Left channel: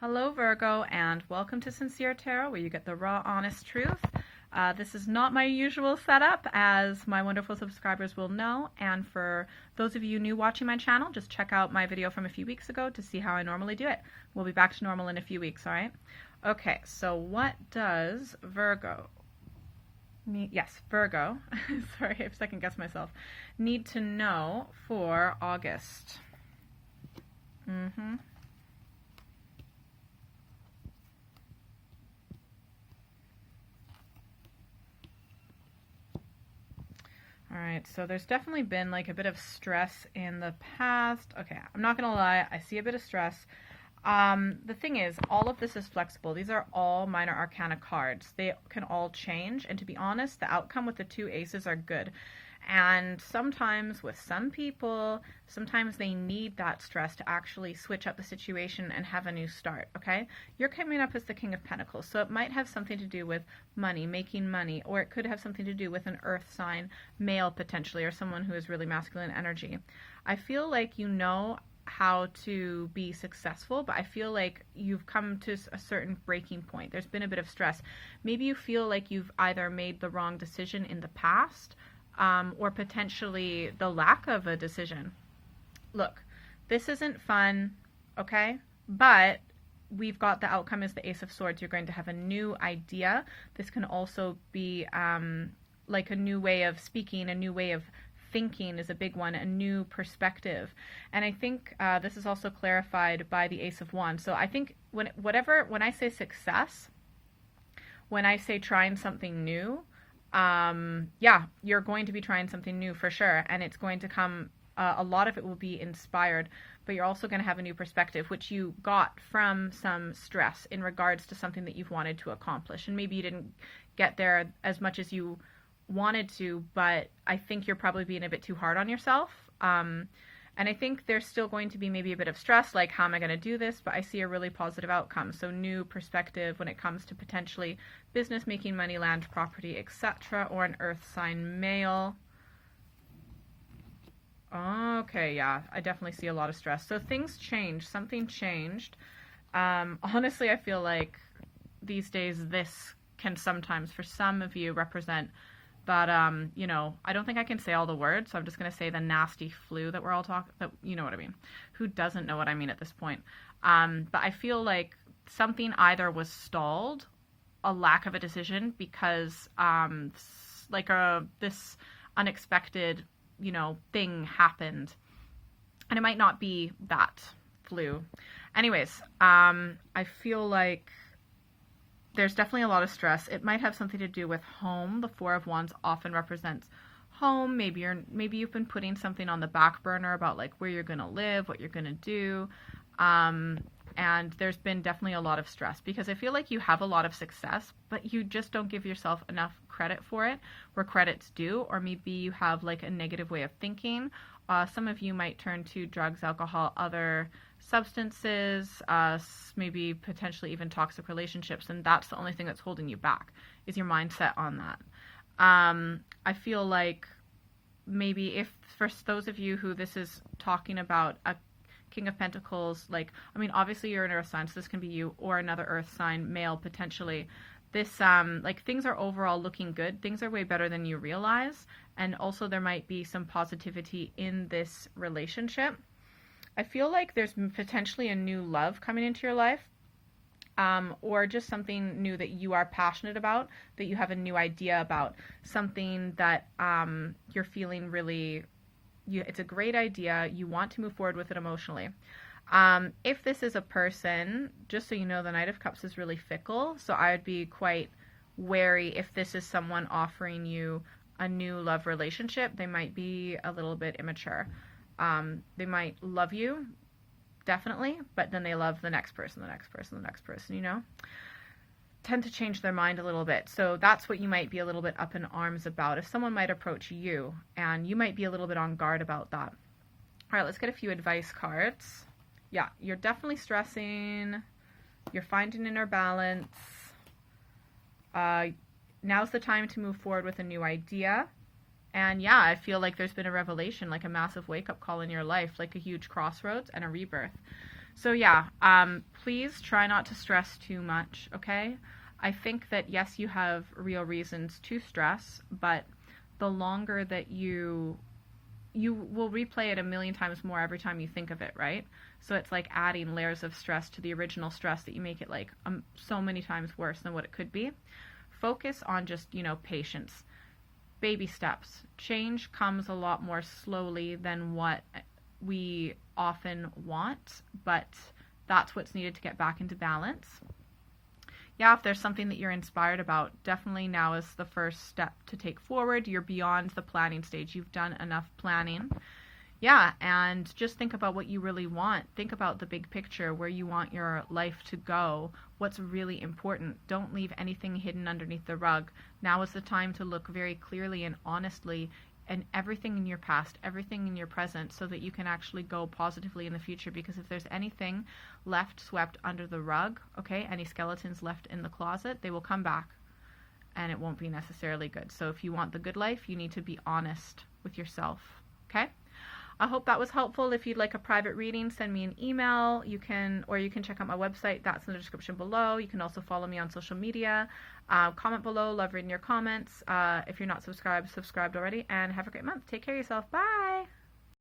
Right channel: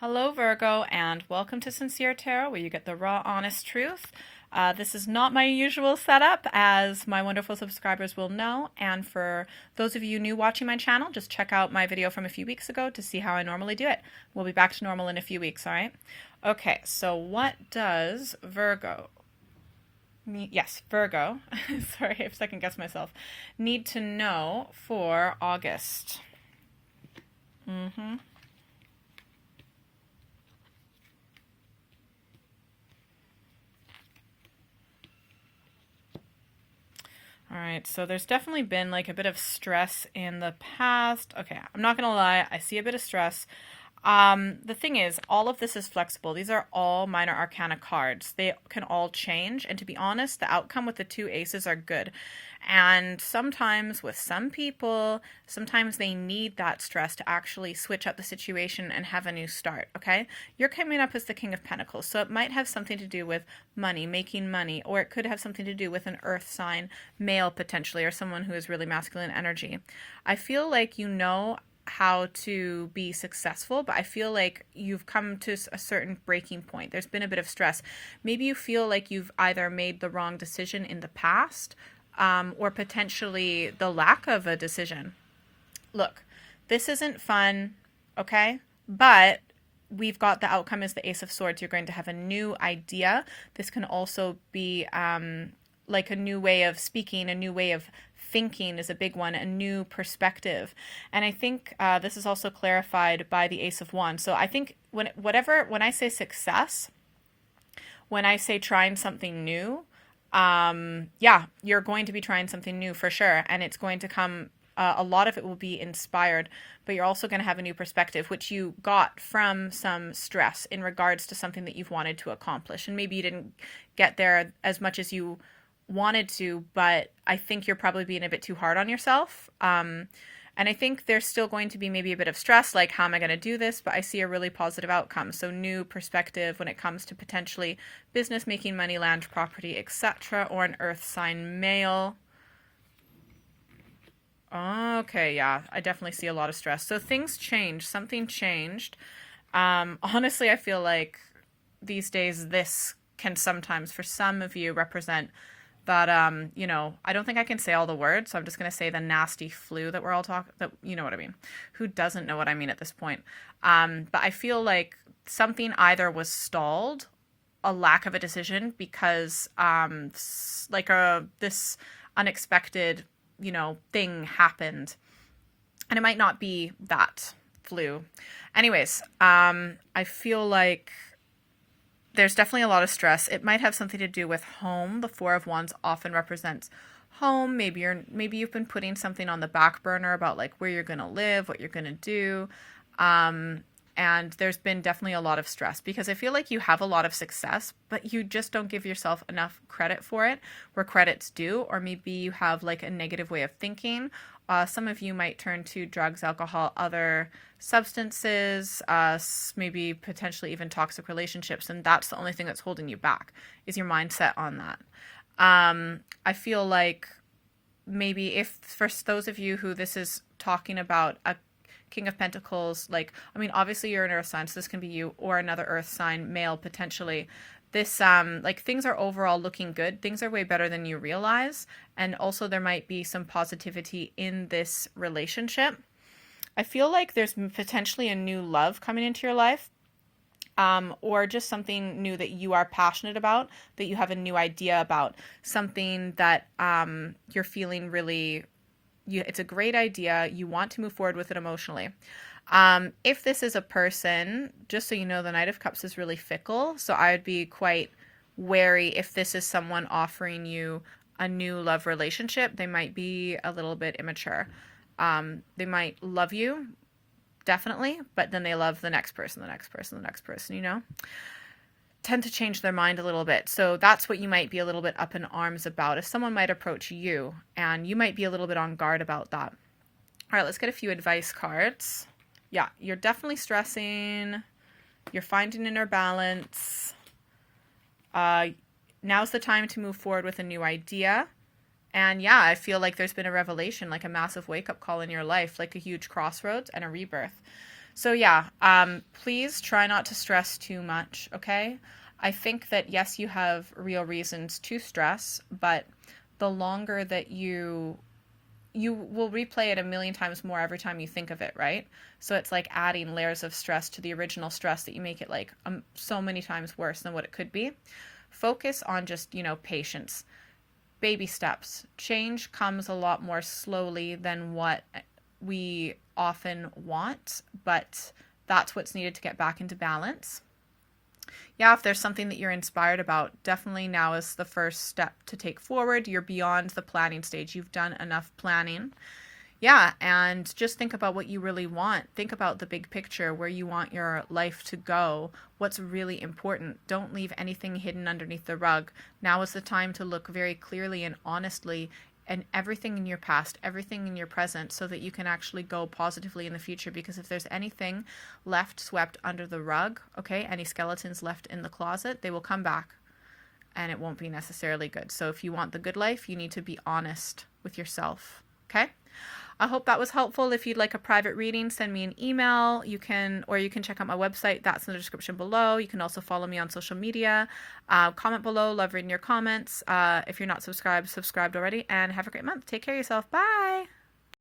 Hello, Virgo, and welcome to Sincere Tarot, where you get the raw, honest truth. This is not my usual setup, as my wonderful subscribers will know. And for those of you new watching my channel, just check out my video from a few weeks ago to see how I normally do it. We'll be back to normal in a few weeks, all right? Okay, so what does Virgo, Virgo, sorry, I've second guessed myself, need to know for August? All right, so there's definitely been like a bit of stress in the past. Okay, I'm not gonna lie, I see a bit of stress. The thing is, all of this is flexible. These are all minor arcana cards. They can all change, and to be honest, the outcome with the two aces are good. And sometimes with some people, sometimes they need that stress to actually switch up the situation and have a new start, okay? You're coming up as the King of Pentacles, so it might have something to do with money, making money, or it could have something to do with an earth sign, male potentially, or someone who is really masculine energy. I feel like you know how to be successful, but I feel like you've come to a certain breaking point. There's been a bit of stress. Maybe you feel like you've either made the wrong decision in the past, or potentially the lack of a decision. Look, this isn't fun, okay? But we've got the outcome is the Ace of Swords. You're going to have a new idea. This can also be like a new way of speaking, a new way of thinking is a big one, a new perspective. And I think this is also clarified by the Ace of Wands. So I think when I say success, when I say trying something new, yeah, you're going to be trying something new for sure. And it's going to come, a lot of it will be inspired, but you're also going to have a new perspective, which you got from some stress in regards to something that you've wanted to accomplish. And maybe you didn't get there as much as you wanted to, but I think you're probably being a bit too hard on yourself. And I think there's still going to be maybe a bit of stress, like how am I going to do this? But I see a really positive outcome. So new perspective when it comes to potentially business, making money, land, property, etc., or an earth sign male. Okay, yeah, I definitely see a lot of stress. So things changed. Something changed. Honestly, I feel like these days this can sometimes, for some of you, represent that, you know, I don't think I can say all the words, so I'm just going to say the nasty flu that we're all talking, that, you know what I mean. Who doesn't know what I mean at this point? But I feel like something either was stalled, a lack of a decision, because this unexpected, you know, thing happened. And it might not be that flu. Anyways, I feel like there's definitely a lot of stress. It might have something to do with home. The Four of Wands often represents home. Maybe you've been putting something on the back burner about like where you're going to live, what you're going to do. And there's been definitely a lot of stress because I feel like you have a lot of success, but you just don't give yourself enough credit for it where credit's due, or maybe you have like a negative way of thinking. Some of you might turn to drugs, alcohol, other substances, maybe potentially even toxic relationships, and that's the only thing that's holding you back is your mindset on that. I feel like maybe if for those of you who this is talking about a King of Pentacles, like, I mean, obviously you're an earth sign, so this can be you or another earth sign, male potentially. This, like, things are overall looking good. Things are way better than you realize. And also there might be some positivity in this relationship. I feel like there's potentially a new love coming into your life, or just something new that you are passionate about, that you have a new idea about, something that you're feeling really, it's a great idea. You want to move forward with it emotionally. If this is a person, just so you know, the Knight of Cups is really fickle. So I would be quite wary if this is someone offering you a new love relationship. They might be a little bit immature. They might love you, definitely, but then they love the next person, the next person, the next person, you know? Tend to change their mind a little bit. So that's what you might be a little bit up in arms about. If someone might approach you and you might be a little bit on guard about that. All right, let's get a few advice cards. Yeah, you're definitely stressing. You're finding inner balance. Now's the time to move forward with a new idea. And yeah, I feel like there's been a revelation, like a massive wake-up call in your life, like a huge crossroads and a rebirth. So yeah, please try not to stress too much, okay? I think that yes, you have real reasons to stress, but the longer that you will replay it a million times more every time you think of it, right? So it's like adding layers of stress to the original stress that you make it like so many times worse than what it could be. Focus on just, patience. Baby steps. Change comes a lot more slowly than what we often want, but that's what's needed to get back into balance. Yeah, if there's something that you're inspired about, definitely now is the first step to take forward. You're beyond the planning stage. You've done enough planning. Yeah, and just think about what you really want. Think about the big picture, where you want your life to go, what's really important. Don't leave anything hidden underneath the rug. Now is the time to look very clearly and honestly and everything in your past, everything in your present, so that you can actually go positively in the future. Because if there's anything left swept under the rug, okay, any skeletons left in the closet, they will come back and it won't be necessarily good. So if you want the good life, you need to be honest with yourself, okay? I hope that was helpful. If you'd like a private reading, send me an email. You can check out my website. That's in the description below. You can also follow me on social media. Comment below. Love reading your comments. If you're not subscribed already. And have a great month. Take care of yourself. Bye.